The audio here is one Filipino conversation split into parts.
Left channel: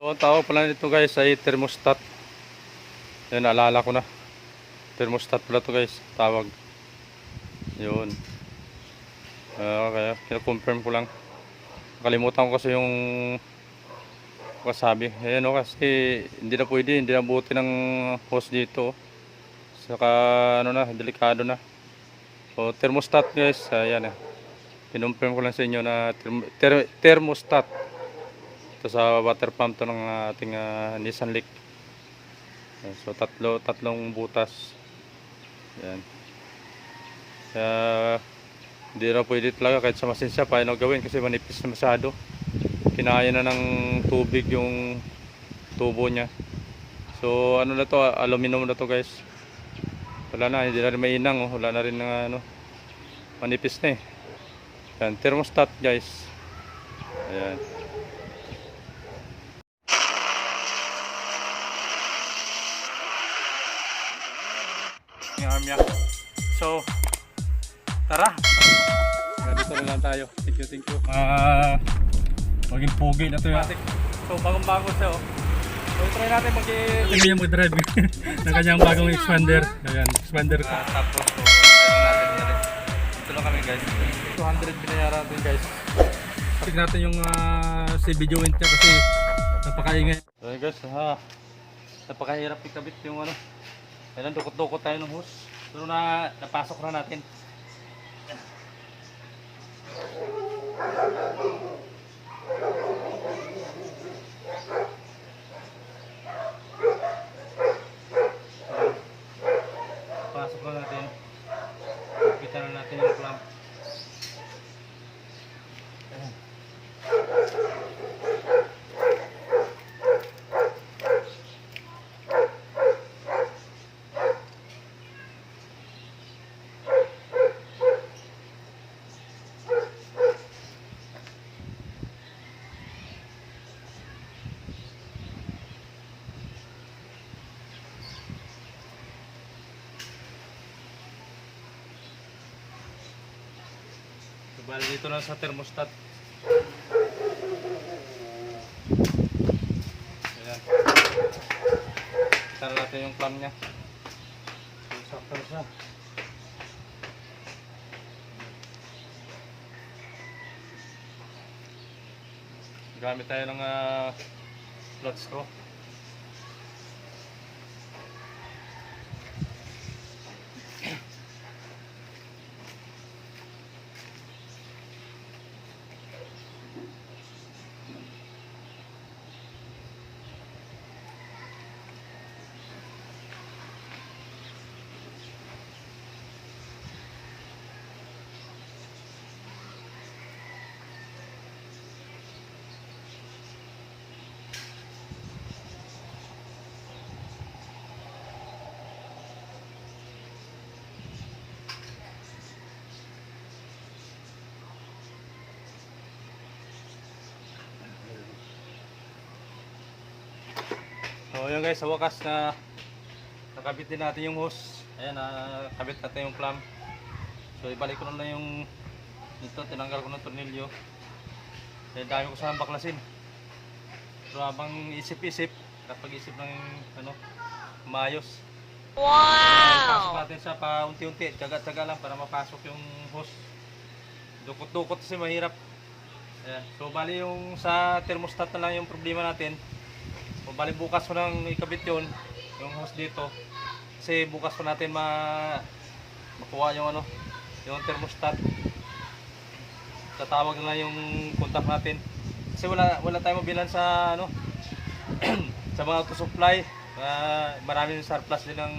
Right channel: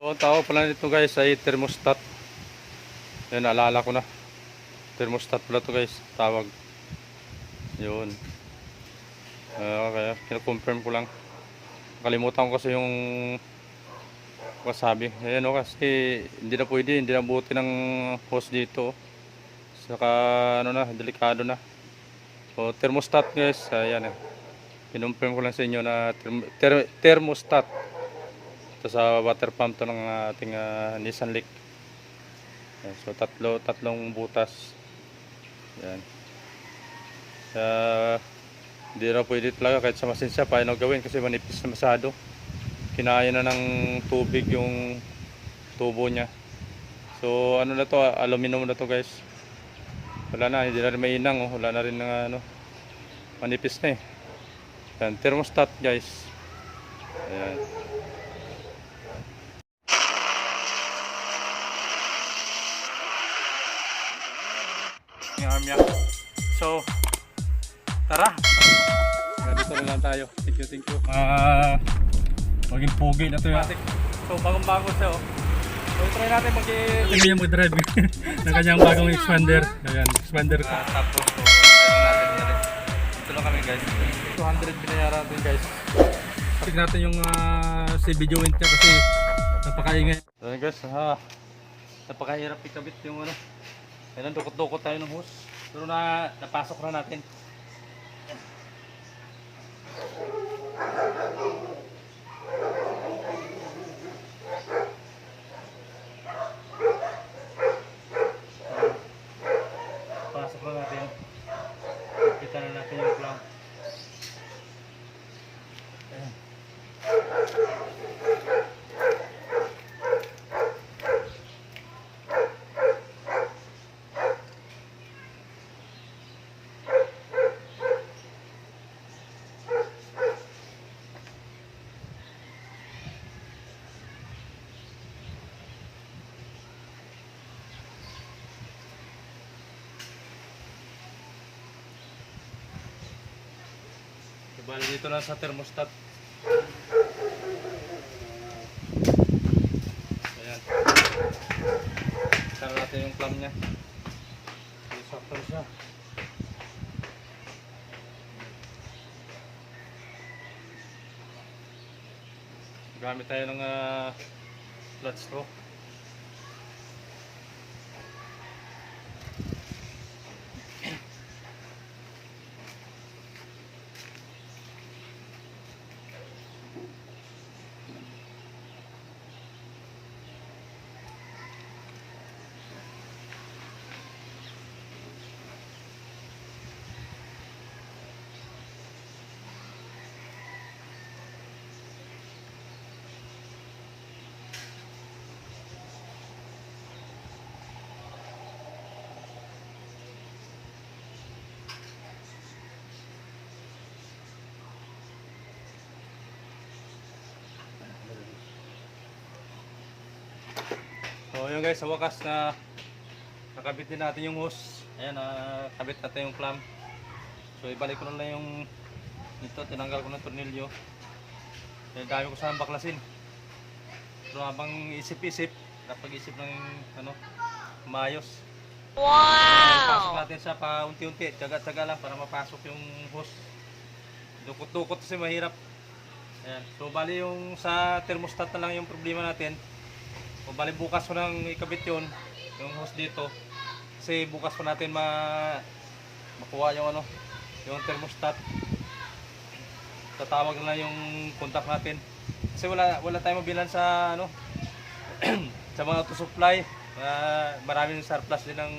So, ang tawag pala nito guys ay thermostat. Yun, naalala ko na. Thermostat pala to guys, tawag. Yun. Ah, kaya, kina-confirm ko lang. Nakalimutan ko kasi yung kasabi. Ayan o, kasi hindi na pwede, hindi na buti ng hose dito. Saka, ano na, delikado na. So, thermostat guys, ayan eh. Kinonfirm ko lang sa inyo na therm- ther- thermostat. Ito sa water pump to ng ating ah, Nissan Leaf. Ayan, so tatlo, tatlong butas. Yan. Kaya hindi na pwede talaga kahit sa masinsya paano gawin kasi manipis na masyado. Kinaya na ng tubig yung tubo niya. So ano na to, aluminum na to guys. Wala na, hindi na rin mainang, oh. wala na rin ng ano, manipis na eh. Yan, thermostat guys. Ayan. Yung armya. So, tara. Ganito na lang tayo. Thank you, thank you. Ah, maging pogi na to yung So, bagong-bago siya oh. So, try natin mag Tingnan niya mag-drive ng kanyang bagong expander. Ayan, expander Ah, tapos, so, try natin yan. Ito lang kami guys. 200 binayaran natin guys. Tignan natin yung uh, si video wind niya kasi napakaingay. Ayan guys, ha. Napakahirap ikabit yung ano. Kailan dukot-dukot tayo ng hose. Pero na napasok na natin. Pasok na natin. Kita na natin yung clamp. Bali dito na sa thermostat. Ayan. Kita na natin yung clamp niya. Sakto na siya. Gamit tayo ng uh, flat straw. Yun guys, sa wakas na nakabit din natin yung hose. Ayan, nakabit natin yung clamp. So ibalik ko na lang yung dito, tinanggal ko ng tornilyo. Kaya dami ko sana baklasin. Pero habang isip-isip, napag-isip ng ano, maayos. Wow! Pasok natin siya pa unti-unti, tsaga-tsaga lang para mapasok yung hose. Dukot-dukot kasi mahirap. Ayan. So bali yung sa thermostat na lang yung problema natin. O bali bukas ko nang ikabit yun, yung hose dito. Kasi bukas ko natin ma makuha yung ano, yung thermostat. Tatawag na yung contact natin. Kasi wala wala tayong mabilan sa ano sa mga auto supply. Uh, maraming surplus din ang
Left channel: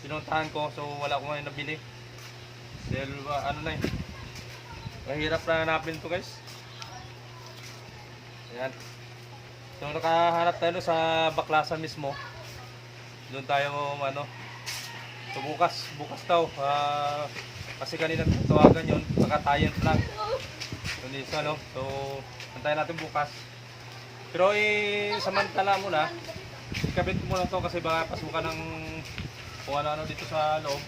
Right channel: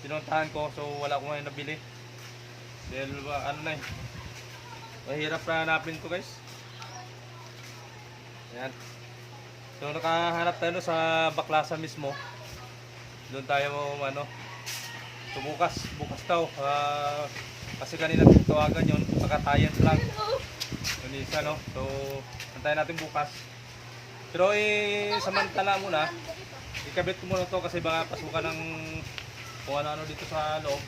pinuntahan ko so wala ko ngayon nabili. Dahil ano na eh. Mahirap na hanapin to guys. Ayan. So nakahanap tayo sa Baklasan mismo. Doon tayo ano. So bukas, bukas daw. ah, kasi kanina tawagan yon nakatayan lang. Yun isa no. So antayin natin bukas. Pero eh samantala muna. Ikabit ko muna to kasi baka pasukan ng kung ano-ano dito sa loob.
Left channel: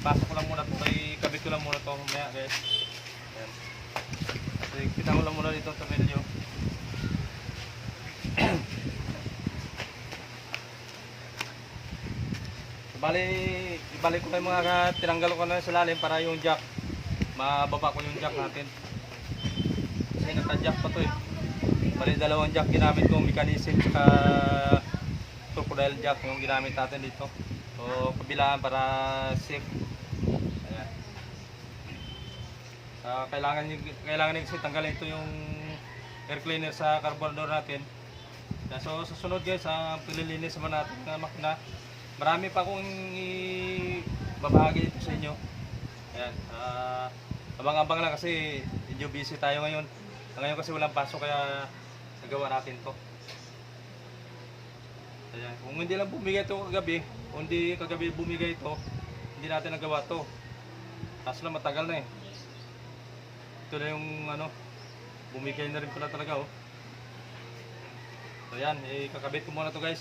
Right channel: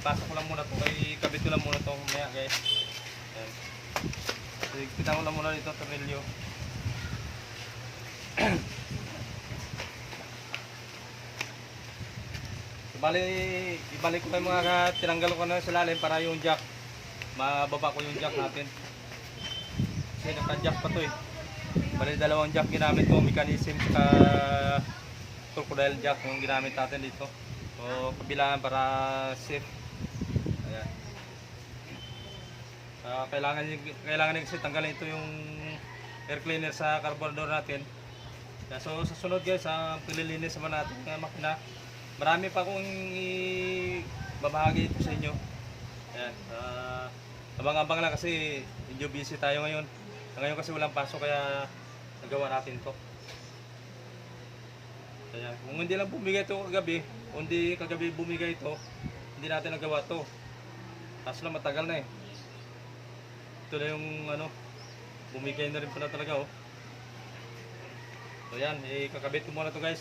Pasok ko lang muna to. Kaya ikabit ko lang muna to mamaya guys. Ayan. So, kita ko lang muna dito sa video. Bali, ibalik ko yung mga tinanggal ko na sa lalim para yung jack, mababa ko yung jack natin. Kasi naka-jack pa to eh. Bali, dalawang jack ginamit ko, mechanism saka crocodile jack yung ginamit natin dito. So, kabilaan para safe. Ayan. Ah, kailangan kailangan kasi tanggalin ito yung air cleaner sa carburetor natin. So sa sunod guys, sa pililinis naman natin ng makina, marami pa akong i- babahagi dito sa inyo. Ayan, ah, abang-abang lang kasi medyo busy tayo ngayon. Ngayon kasi walang pasok kaya nagawa natin to. Kaya kung hindi lang bumigay ito kagabi, hindi kagabi bumigay ito, hindi natin nagawa to. Kaso na matagal na eh. Ito na yung ano, bumigay na rin pala talaga oh. So yan, ikakabit ko muna to guys.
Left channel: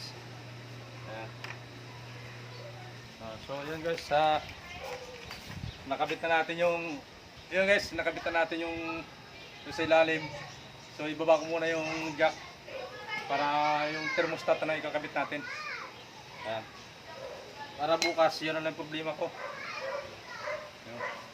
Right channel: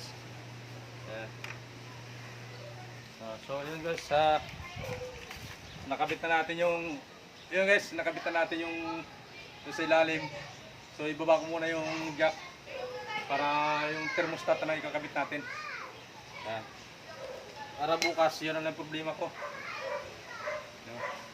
Ayan. Ah, so yun guys, sa nakabit na natin yung yun guys, nakabit na natin yung, yung sa ilalim. So ibaba ko muna yung jack para yung thermostat na ikakabit natin. Ayan. Para bukas, yun ang problema ko. Ayan.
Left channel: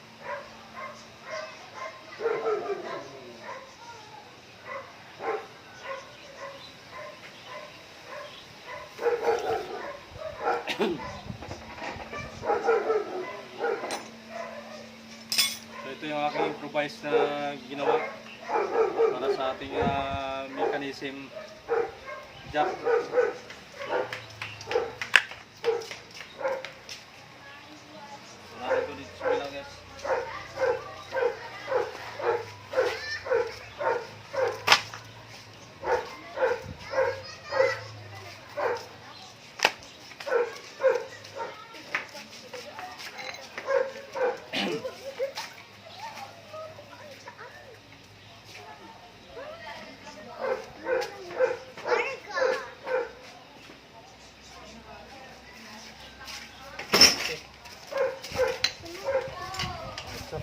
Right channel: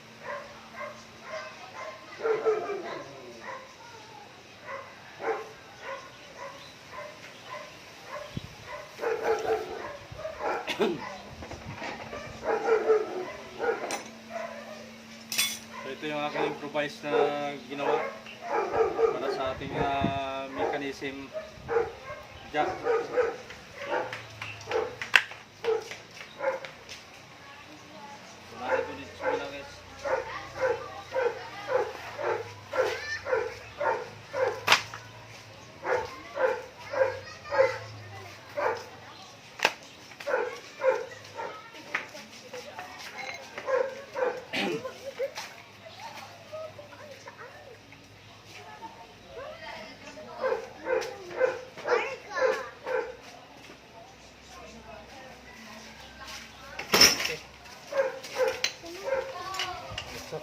Ito yung aking improvise na ginawa para sa ating ah, mechanism jack. So narito dito sa bilang guys. Ito.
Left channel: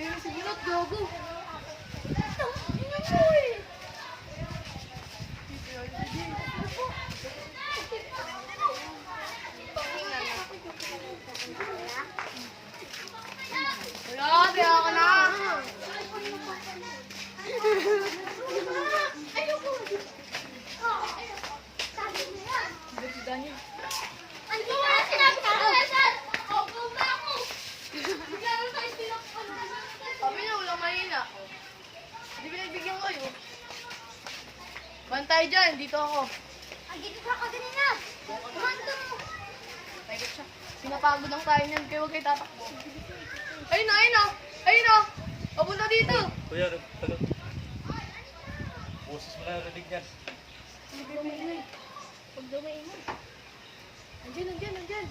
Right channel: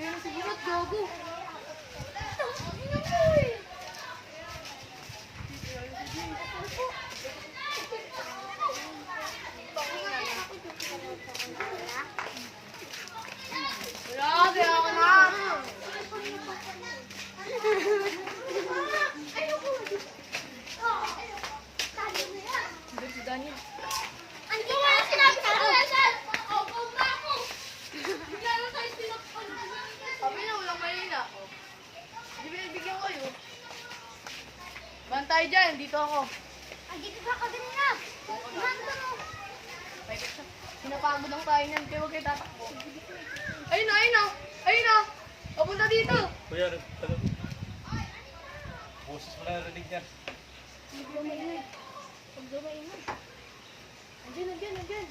Pero sige ba't gago? Wala, kaya ka na. Si Daniel. Ang gawa na sinabi sa kalasan! Opo ba ako? Bigyan mo tayo pinakpan na Sabi niya, wala mahina. Hindi pinagbigyan ko kayo. Bantay dyan, dito ako. Andito ka kanina! Mando mo! Pwede siya. Pinapagod ang tayo niyan, kaya huwag kayo tatakbo. Ayun na, ayun na! Ayun na! Papunta dito! Kuya, ano? Boses mo na narinig niyan. Hindi kayo maingay. Huwag daw maingay. Andyan, andyan, andyan.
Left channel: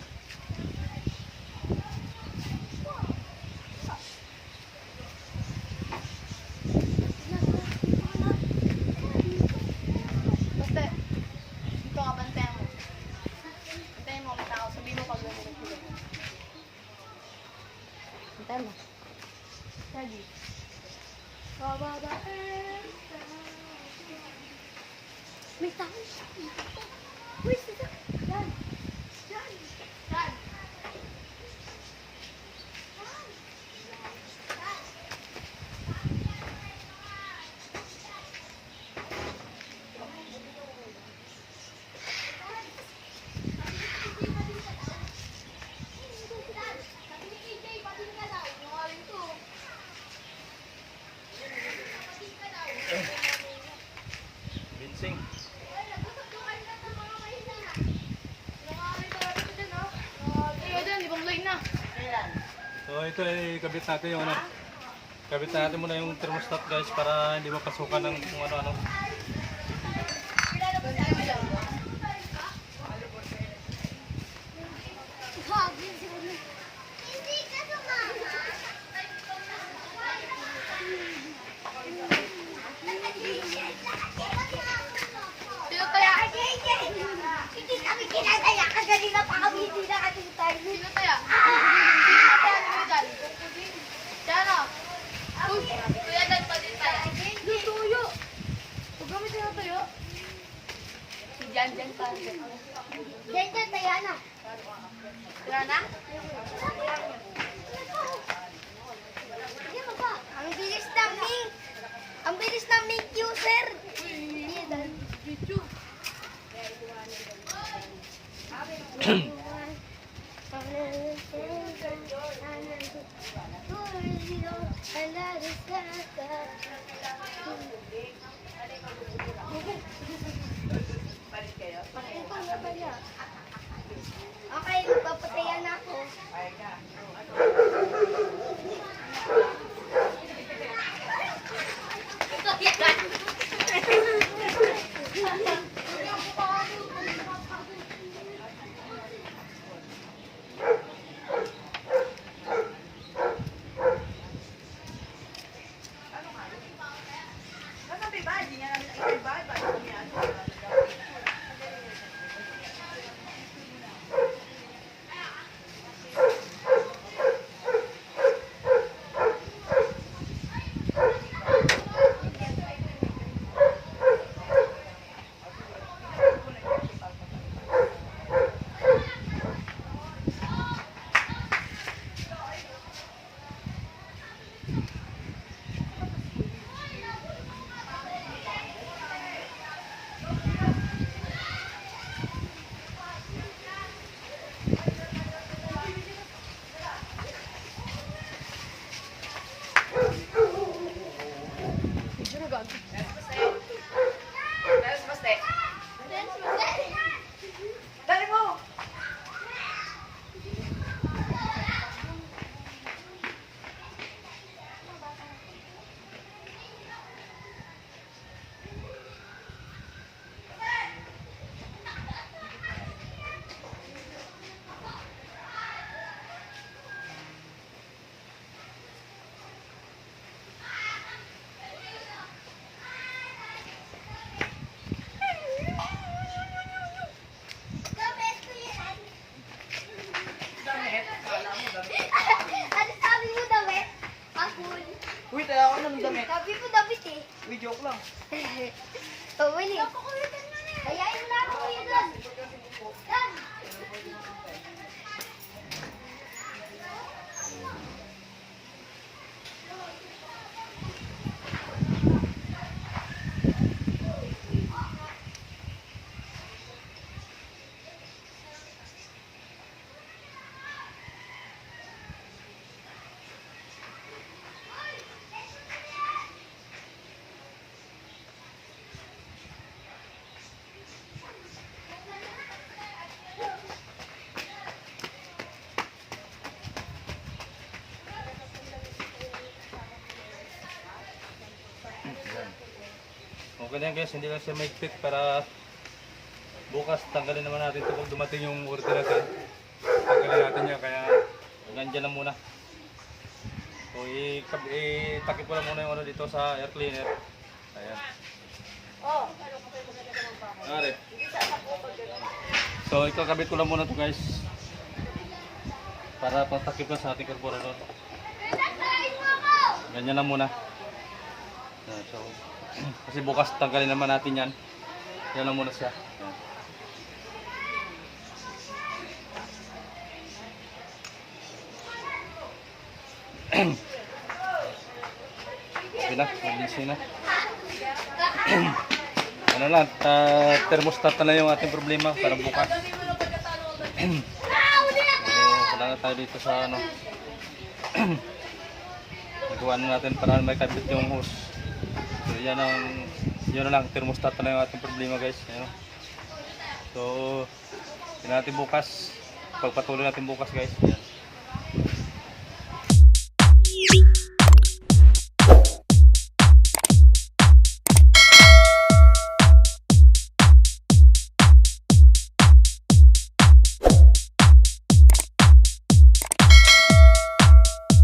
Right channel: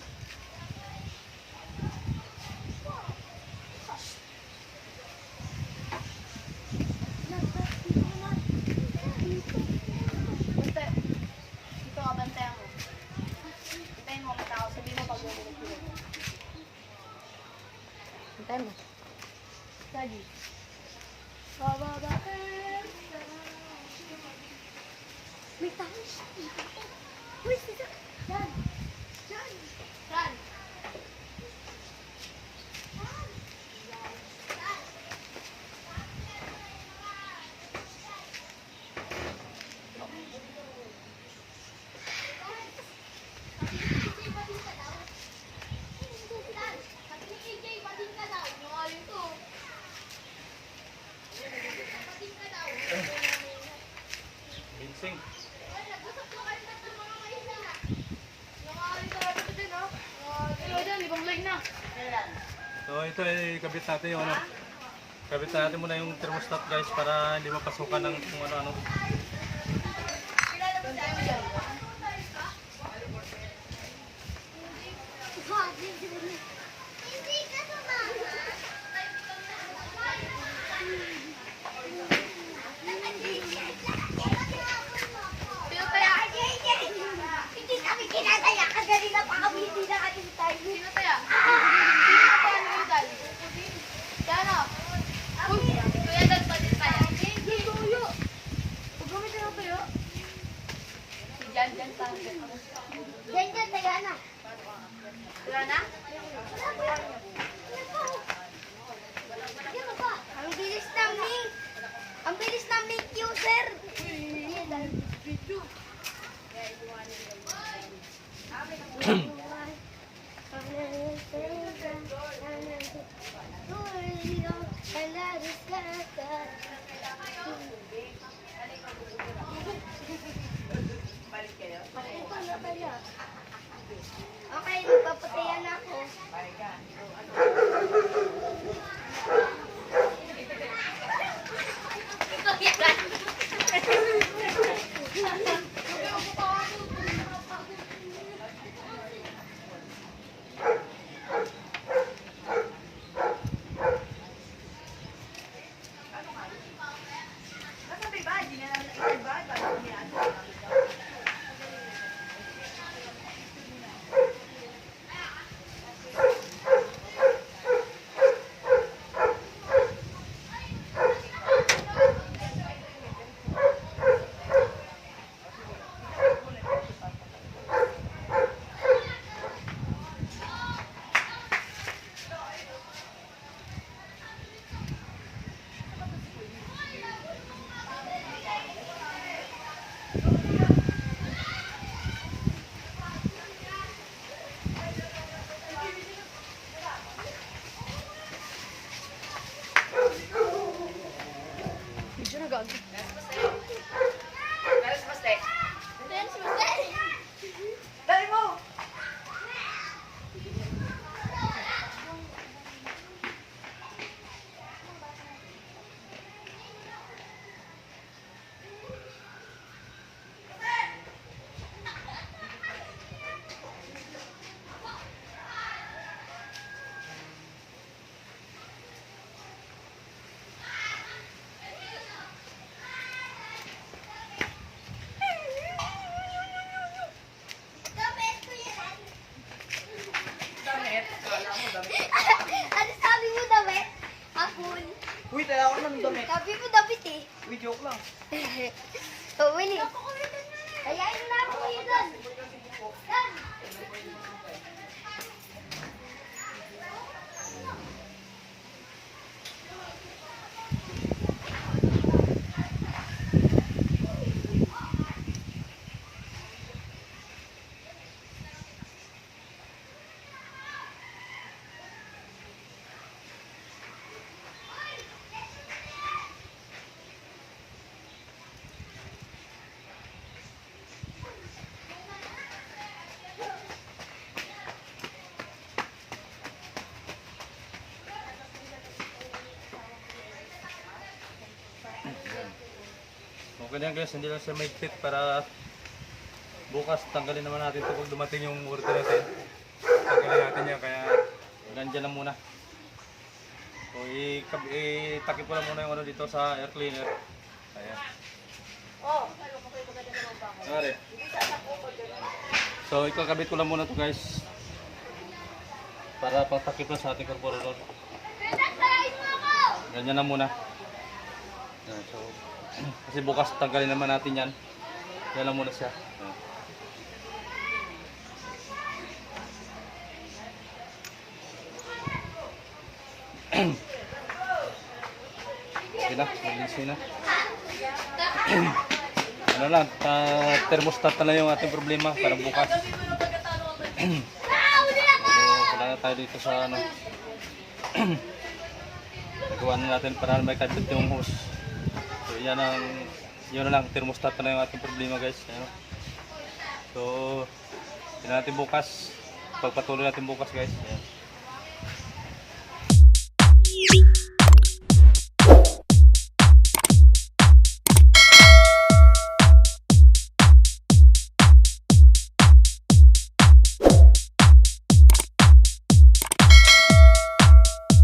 Bante. Dito ka, bante mo. Bantayan mo, kita ako. Sabihin mo pag narinig ko yun. Antayin mo. Daddy. Bababa ka. May tao siya. Uy, sasa. Yan. Yan. Yan. Binsing. Ayun, dyan, ibang line na. So ito ay kabit natin yung ano. Kabit natin muna yung thermostat guys para hindi mapasukan ng kung ano-ano. Bantay mo. Wala na? Ang bilis ng link. Ang bilis ng link user. Okay, magpapatayan na ako. Video na Uy, joke lang. Oh, Willie. Ayayin mo na ako kayo doon. Dan. Okay na yan guys, hindi lang siya may fit para bukas tanggalin naman natin ito pag dumating yung order natin. Tanggalin natin yan, kaya nandyan lang muna. So, itakip ko lang muna yung ano dito sa air cleaner. Ayan. Ari. So, ikakabit ko lang muna to guys. Para patakip na sa ating carburetor. Ganyan lang muna. Yan, so, kasi bukas tanggalin naman natin yan. Yan lang muna siya. Yan. Okay na, malinis na. ano lang, uh, thermostat na lang yung ating problema para bukas. So, wala na tayo dito sa ano. Nagawa na natin para may kabit yung hose. So yan ang yun na lang thermostat na yung ating problema guys. Ayan. So yun natin bukas. Pagpatuloy natin bukas guys. Ayan.